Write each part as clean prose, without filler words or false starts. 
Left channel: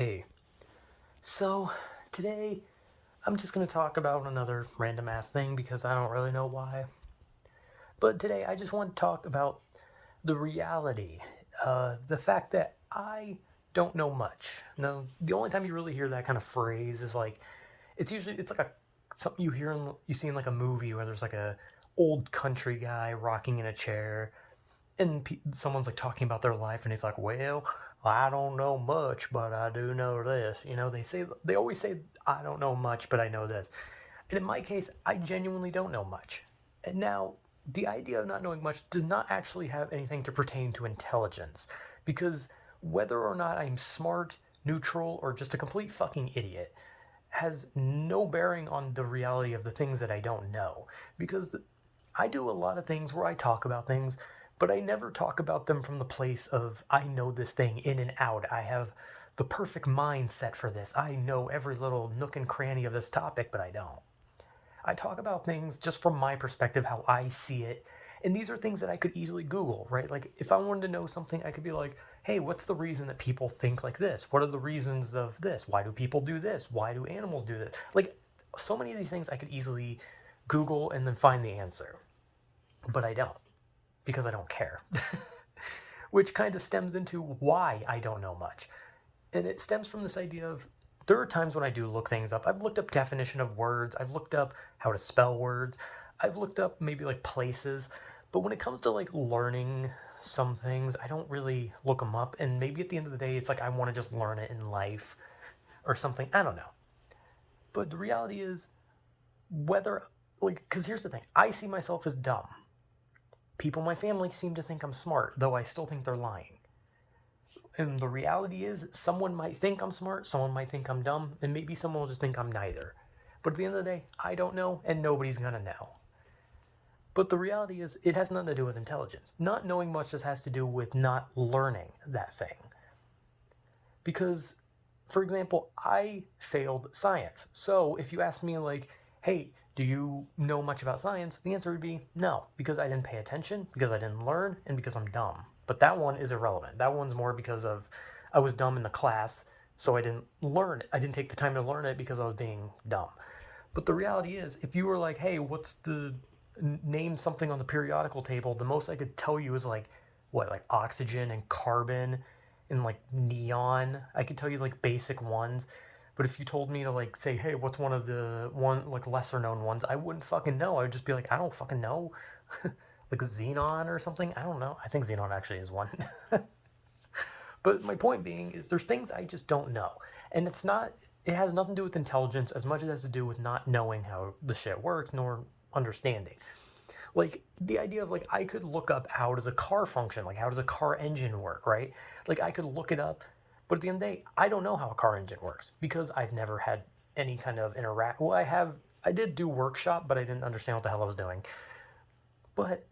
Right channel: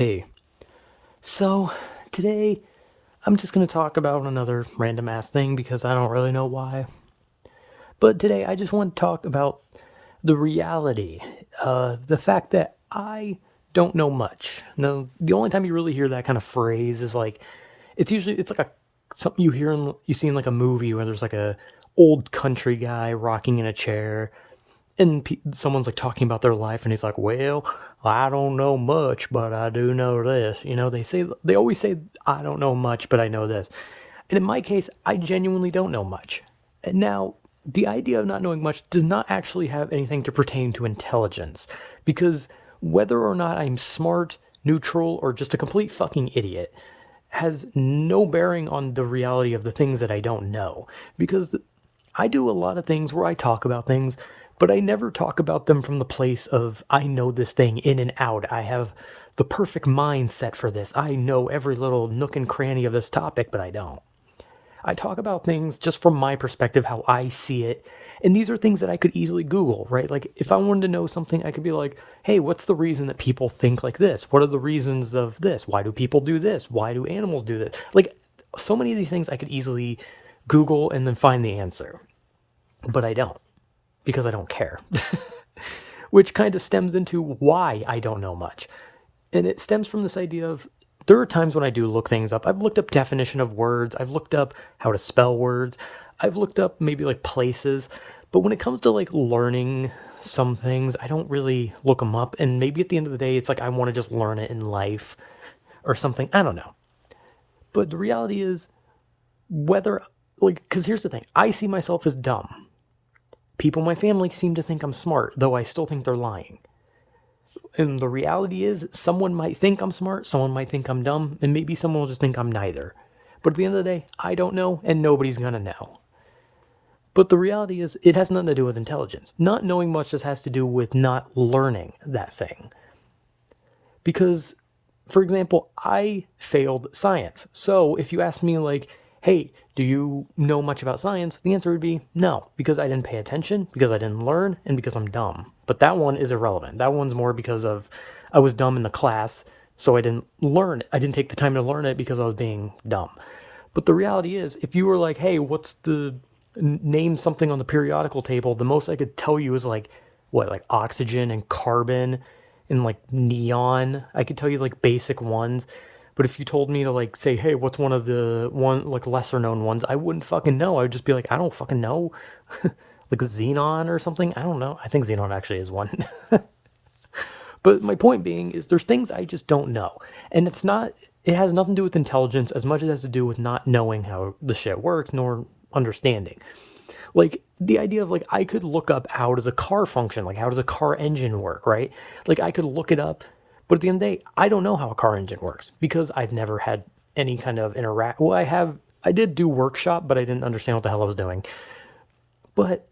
Hey, so today I'm just going to talk about another random ass thing because I don't really know why. But today I just want to talk about the reality, the fact that I don't know much. Now, the only time you really hear that kind of phrase is like it's like a something you see in like a movie where there's like a old country guy rocking in a chair and someone's like talking about their life and he's like, well, I don't know much, but I do know this. They always say I don't know much, but I know this. And in my case, I genuinely don't know much. And now, the idea of not knowing much does not actually have anything to pertain to intelligence, because whether or not I'm smart, neutral, or just a complete fucking idiot has no bearing on the reality of the things that I don't know. Because I do a lot of things where I talk about things, but I never talk about them from the place of I know this thing in and out. I have the perfect mindset for this. I know every little nook and cranny of this topic, but I don't. I talk about things just from my perspective, how I see it. And these are things that I could easily Google, right? Like if I wanted to know something, I could be like, hey, what's the reason that people think like this? What are the reasons of this? Why do people do this? Why do animals do this? Like so many of these things I could easily Google and then find the answer. But I don't because I don't care. Which kind of stems into why I don't know much. And it stems from this idea of there are times when I do look things up. I've looked up definition of words, I've looked up how to spell words, I've looked up maybe like places, but when it comes to like learning some things, I don't really look them up. And maybe at the end of the day, it's like I want to just learn it in life or something. I don't know. But the reality is, whether, like, because here's the thing, I see myself as dumb. People in my family seem to think I'm smart, though I still think they're lying. And the reality is, someone might think I'm smart, someone might think I'm dumb, and maybe someone will just think I'm neither. But at the end of the day, I don't know, and nobody's gonna know. But the reality is, it has nothing to do with intelligence. Not knowing much just has to do with not learning that thing. Because, for example, I failed science. So if you ask me, like, hey, do you know much about science? The answer would be no, because I didn't pay attention, because I didn't learn, and because I'm dumb. But that one is irrelevant. That one's more because of I was dumb in the class, so I didn't learn it. I didn't take the time to learn it because I was being dumb. But the reality is, if you were like, hey, what's the name something on the periodical table, the most I could tell you is like, what, like oxygen and carbon and like neon. I could tell you like basic ones. But if you told me to like say, hey, what's one of the like lesser known ones, I wouldn't fucking know. I would just be like, I don't fucking know. Like xenon or something. I don't know. I think xenon actually is one. But my point being is there's things I just don't know. And it has nothing to do with intelligence as much as it has to do with not knowing how the shit works nor understanding. Like the idea of like I could look up how does a car function, like how does a car engine work, right? Like I could look it up, but at the end of the day, I don't know how a car engine works because I've never had any kind of interact. Well, I did do workshop, but I didn't understand what the hell I was doing. But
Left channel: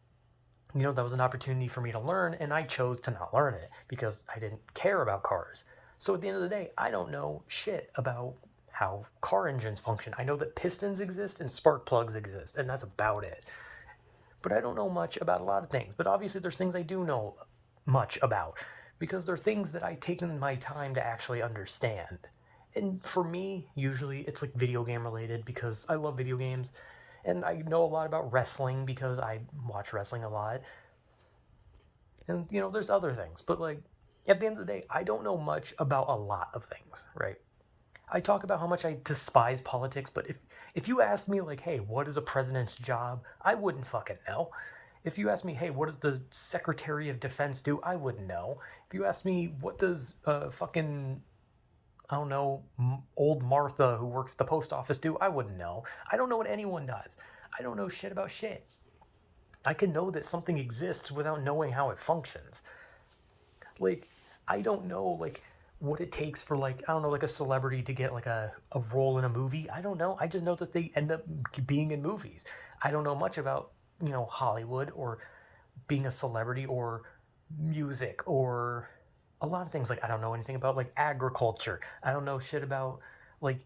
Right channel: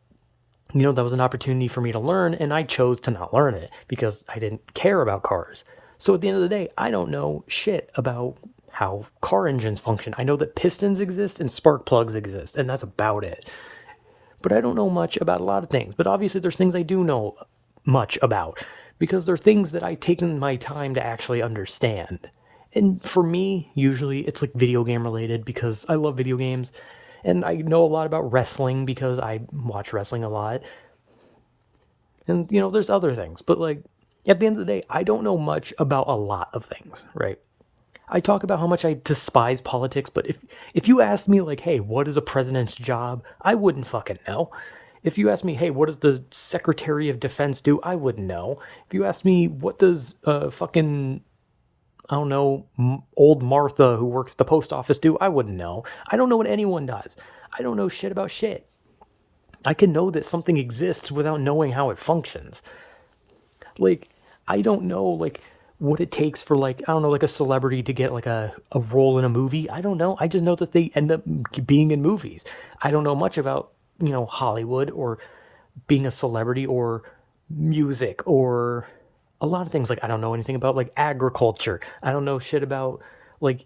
that was an opportunity for me to learn, and I chose to not learn it because I didn't care about cars. So at the end of the day, I don't know shit about how car engines function. I know that pistons exist and spark plugs exist, and that's about it. But I don't know much about a lot of things. But obviously, there's things I do know much about because they're things that I've taken my time to actually understand. And for me, usually it's like video game related because I love video games. And I know a lot about wrestling because I watch wrestling a lot. And, there's other things. But, like, at the end of the day, I don't know much about a lot of things, right? I talk about how much I despise politics, but if you asked me like, "Hey, what is a president's job?" I wouldn't fucking know. If you asked me, "Hey, what does the Secretary of Defense do?" I wouldn't know. If you asked me, "What does fucking I don't know, old Martha who works at the post office do?" I wouldn't know. I don't know what anyone does. I don't know shit about shit. I can know that something exists without knowing how it functions. Like, I don't know like what it takes for like I don't know like a celebrity to get like a role in a movie. I don't know. I just know that they end up being in movies. I don't know much about Hollywood or being a celebrity or music or a lot of things. Like I don't know anything about like agriculture. I don't know shit about like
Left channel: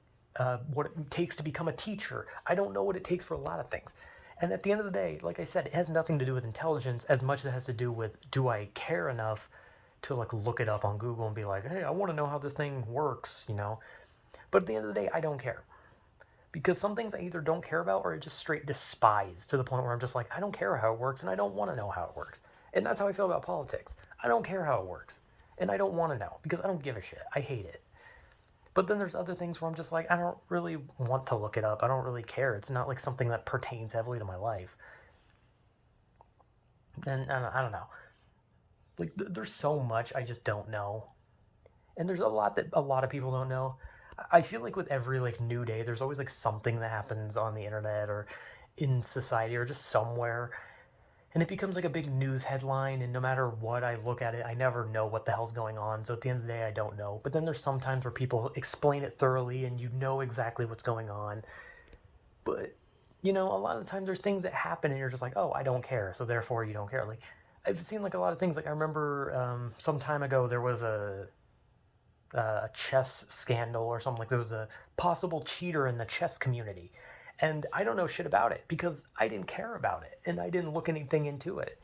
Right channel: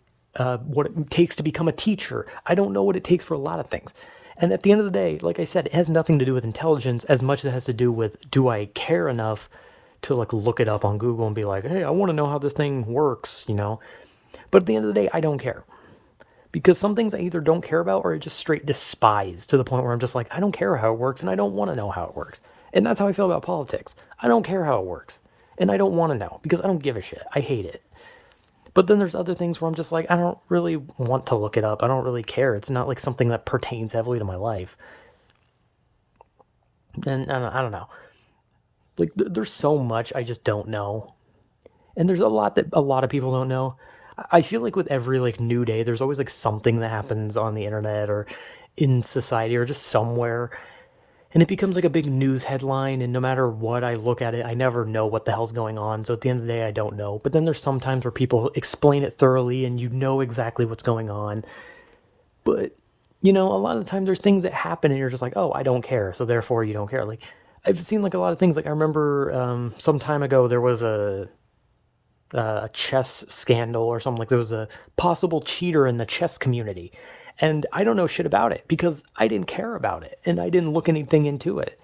what it takes to become a teacher. I don't know what it takes for a lot of things. And at the end of the day, like I said, it has nothing to do with intelligence as much as it has to do with do I care enough to like look it up on Google and be like, hey, I want to know how this thing works, you know? But at the end of the day, I don't care. Because some things I either don't care about or I just straight despise to the point where I'm just like, I don't care how it works and I don't want to know how it works. And that's how I feel about politics. I don't care how it works. And I don't want to know because I don't give a shit. I hate it. But then there's other things where I'm just like, I don't really want to look it up. I don't really care. It's not like something that pertains heavily to my life. And I don't know. Like there's so much I just don't know. And there's a lot that a lot of people don't know. I feel like with every like new day, there's always like something that happens on the internet or in society or just somewhere, and it becomes like a big news headline. And no matter what I look at it, I never know what the hell's going on. So at the end of the day, I don't know. But then there's sometimes where people explain it thoroughly and you know exactly what's going on. But you know, a lot of the time there's things that happen and you're just like, oh, I don't care. So therefore, you don't care. Like I've seen like a lot of things. Like I remember some time ago there was a chess scandal or something. Like there was a possible cheater in the chess community, and I don't know shit about it because I didn't care about it and I didn't look anything into it.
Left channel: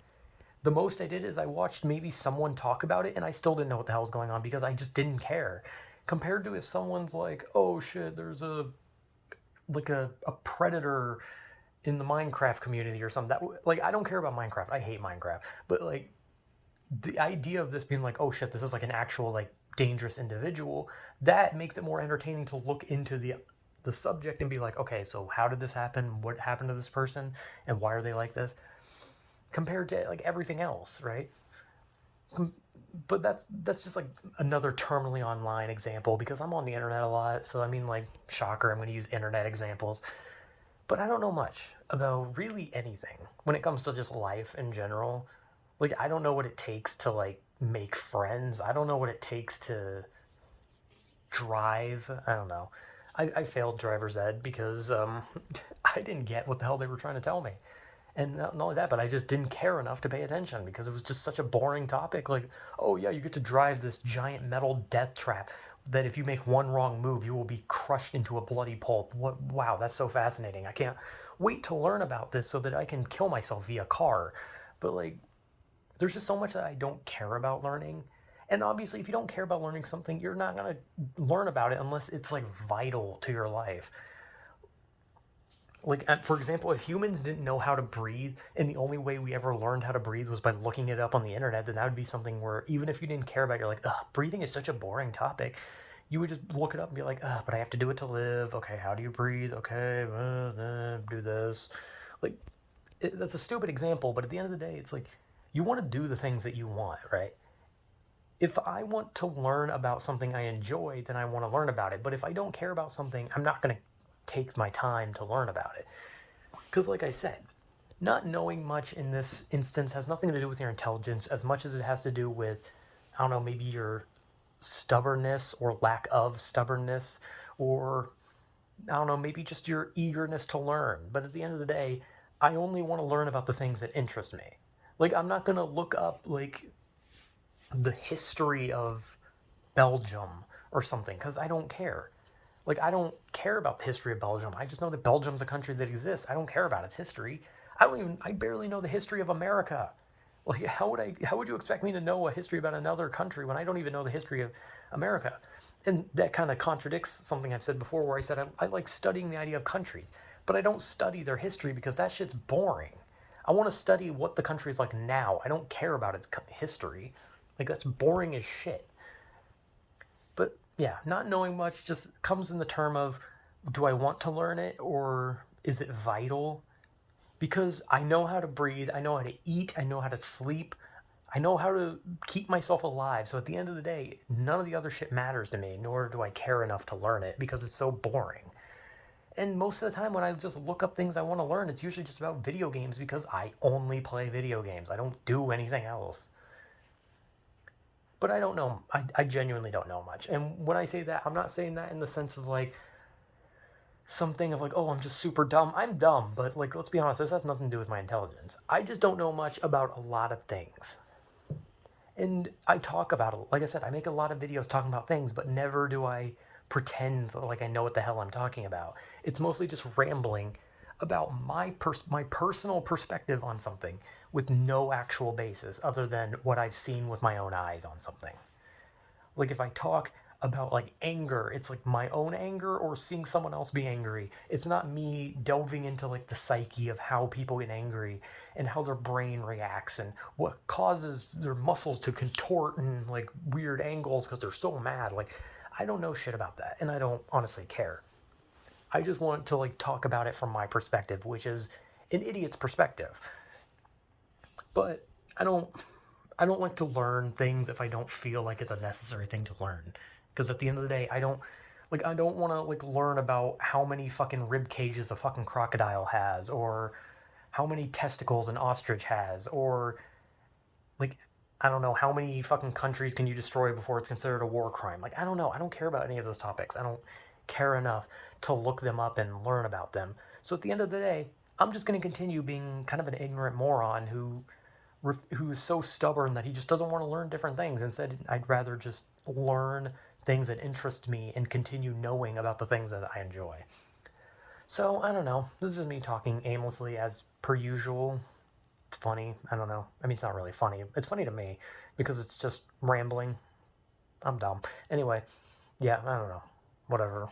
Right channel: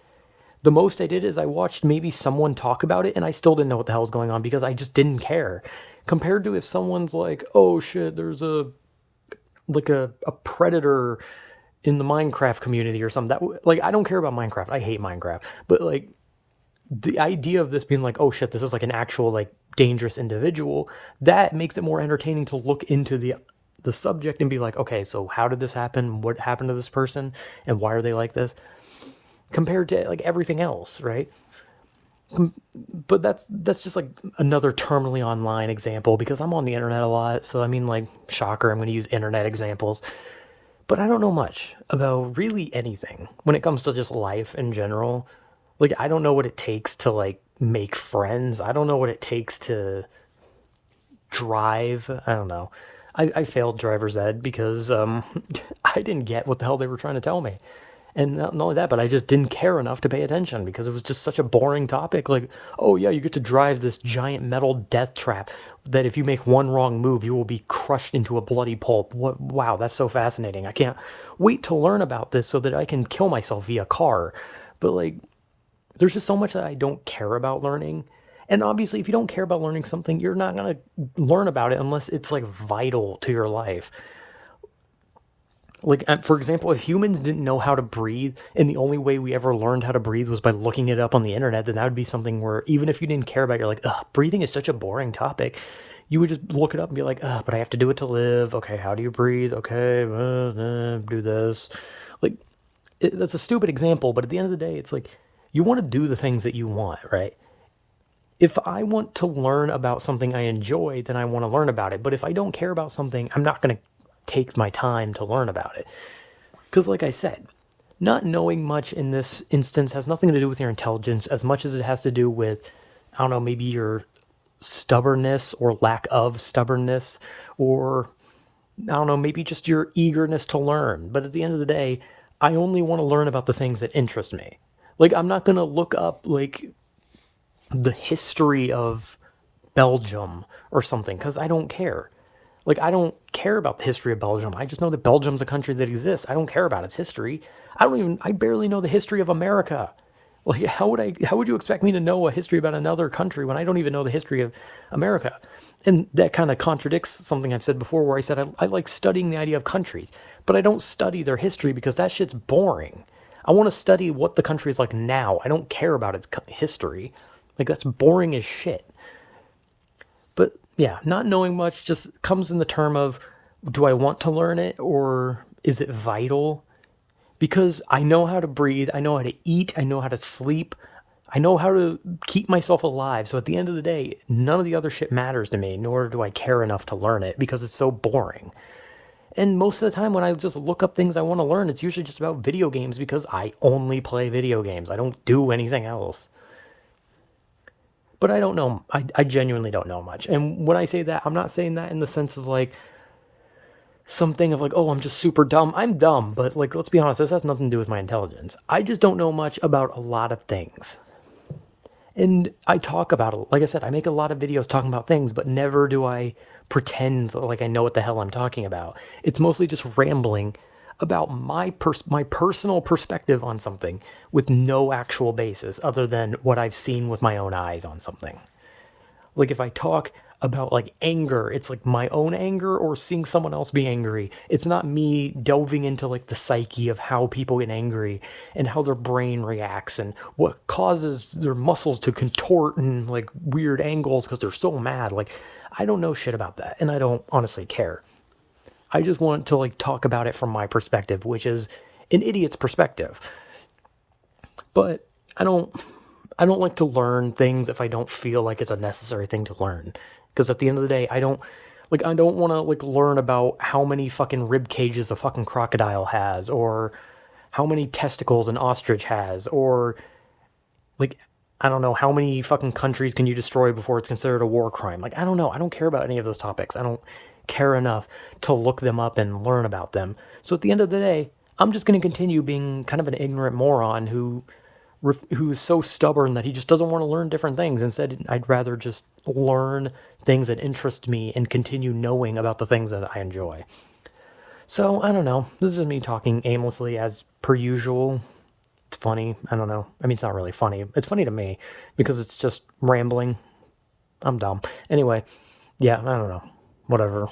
The most I did is I watched maybe someone talk about it and I still didn't know what the hell was going on because I just didn't care. Compared to if someone's like, oh shit, there's a predator in the Minecraft community or something. That like I don't care about Minecraft. I hate Minecraft. But like the idea of this being like, oh shit, this is like an actual like dangerous individual, that makes it more entertaining to look into the subject and be like, okay, so how did this happen? What happened to this person? And why are they like this? Compared to like everything else, right? But that's just like another terminally online example because I'm on the internet a lot. So I mean, like, shocker, I'm going to use internet examples. But I don't know much about really anything when it comes to just life in general. Like I don't know what it takes to like make friends. I don't know what it takes to drive. I don't know. I failed driver's ed because I didn't get what the hell they were trying to tell me. And not only that, but I just didn't care enough to pay attention because it was just such a boring topic. Like, oh yeah, you get to drive this giant metal death trap that if you make one wrong move, you will be crushed into a bloody pulp. What? Wow, that's so fascinating. I can't wait to learn about this so that I can kill myself via car. But like, there's just so much that I don't care about learning. And obviously, if you don't care about learning something, you're not going to learn about it unless it's like vital to your life. Like, for example, if humans didn't know how to breathe and the only way we ever learned how to breathe was by looking it up on the internet, then that would be something where even if you didn't care about it, you're like, ugh, breathing is such a boring topic. You would just look it up and be like, ugh, but I have to do it to live. Okay, how do you breathe? Okay, do this. Like, that's a stupid example, but at the end of the day, it's like you want to do the things that you want, right? If I want to learn about something I enjoy, then I want to learn about it. But if I don't care about something, I'm not going to take my time to learn about it. Because, like I said, not knowing much in this instance has nothing to do with your intelligence as much as it has to do with, I don't know, maybe your stubbornness or lack of stubbornness, or I don't know, maybe just your eagerness to learn. But at the end of the day, I only want to learn about the things that interest me. Like, I'm not going to look up, like, the history of Belgium or something because I don't care. Like, I don't care about the history of Belgium. I just know that Belgium's a country that exists. I don't care about its history. I barely know the history of America. Like, how would you expect me to know a history about another country when I don't even know the history of America? And that kind of contradicts something I've said before where I said I like studying the idea of countries, but I don't study their history because that shit's boring. I want to study what the country is like now. I don't care about its history. Like, that's boring as shit. But yeah, not knowing much just comes in the term of, do I want to learn it or is it vital? Because I know how to breathe, I know how to eat, I know how to sleep, I know how to keep myself alive. So at the end of the day, none of the other shit matters to me, nor do I care enough to learn it because it's so boring. And most of the time when I just look up things I want to learn, it's usually just about video games because I only play video games. I don't do anything else. But I don't know. I genuinely don't know much. And when I say that, I'm not saying that in the sense of like something of like, oh, I'm just super dumb. I'm dumb, but like, let's be honest, this has nothing to do with my intelligence. I just don't know much about a lot of things. And I talk about it. Like I said, I make a lot of videos talking about things, but never do I pretend like I know what the hell I'm talking about. It's mostly just rambling about my personal perspective on something with no actual basis other than what I've seen with my own eyes on something. Like if I talk about like anger, it's like my own anger or seeing someone else be angry. It's not me delving into like the psyche of how people get angry and how their brain reacts and what causes their muscles to contort in like weird angles because they're so mad. Like I don't know shit about that and I don't honestly care. I just want to like talk about it from my perspective, which is an idiot's perspective. But I don't I don't like to learn things if I don't feel like it's a necessary thing to learn. Because at the end of the day, I don't want to like learn about how many fucking rib cages a fucking crocodile has, or how many testicles an ostrich has, or like I don't know how many fucking countries can you destroy before it's considered a war crime. Like I don't know. I don't care about any of those topics. I don't care enough to look them up and learn about them. So at the end of the day, I'm just going to continue being kind of an ignorant moron who's so stubborn that he just doesn't want to learn different things. Instead, I'd rather just learn things that interest me and continue knowing about the things that I enjoy. So, I don't know. This is me talking aimlessly as per usual. It's funny. I don't know. I mean, it's not really funny. It's funny to me because it's just rambling. I'm dumb. Anyway, yeah, I don't know. Whatever.